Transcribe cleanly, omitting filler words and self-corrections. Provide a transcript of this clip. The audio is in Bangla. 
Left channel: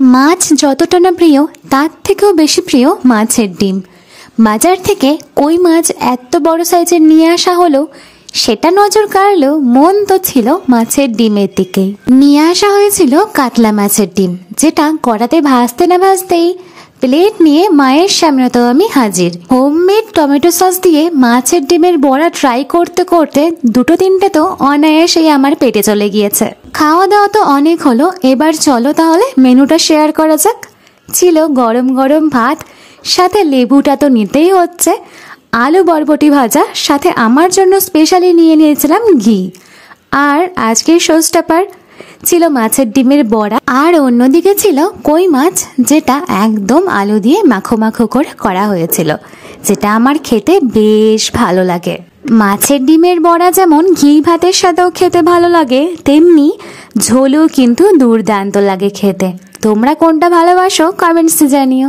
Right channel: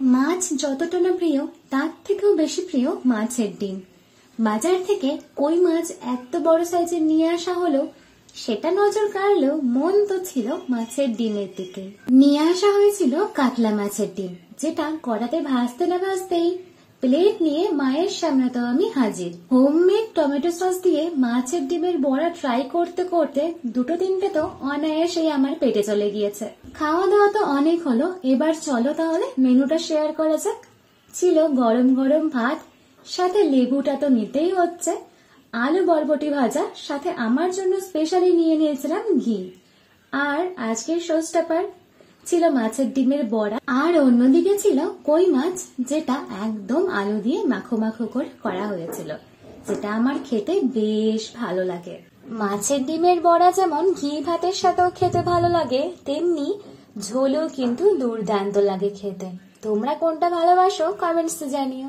মাছ যতটা না প্রিয় তার থেকেও বেশি প্রিয় মাছের ডিম। বাজার থেকে কই মাছ এত বড় সাইজের নিয়ে আসা হলো, সেটা নজর কাড়লো, মন তো ছিল মাছের ডিমের দিকে। নিয়ে আসা হয়েছিল কাতলা মাছের ডিম, যেটা কড়াতে ভাজতে না ভাজতেই প্লেট নিয়ে মায়ের সামনে তো আমি হাজির। হোমমেড টমেটো সস দিয়ে মাছের ডিমের বড়া ট্রাই করতে করতে দুটো তিনটে তো অনায়াসেই আমার পেটে চলে গিয়েছে। খাওয়া দাওয়া তো অনেক হলো, এবার চলো তাহলে মেনুটা শেয়ার করা যাক। ছিল গরম গরম ভাত, সাথে লেবুটা তো নিতেই হচ্ছে, আলু বরবটি ভাজা, সাথে আমার জন্য স্পেশালি নিয়ে নিয়েছিলাম ঘি। আর আজকের শোস্টপার ছিল মাছের ডিমের বড়া, আর অন্যদিকে ছিল কই মাছ, যেটা একদম আলু দিয়ে মাখো মাখো করে করা হয়েছিল, যেটা আমার খেতে বেশ ভালো লাগে। মাছের ডিমের বড়া যেমন ঘি ভাতের সাথেও খেতে ভালো লাগে, তেমনি ঝোলও কিন্তু দুর্দান্ত লাগে খেতে। তোমরা কোনটা ভালোবাসো কমেন্টসে জানিও।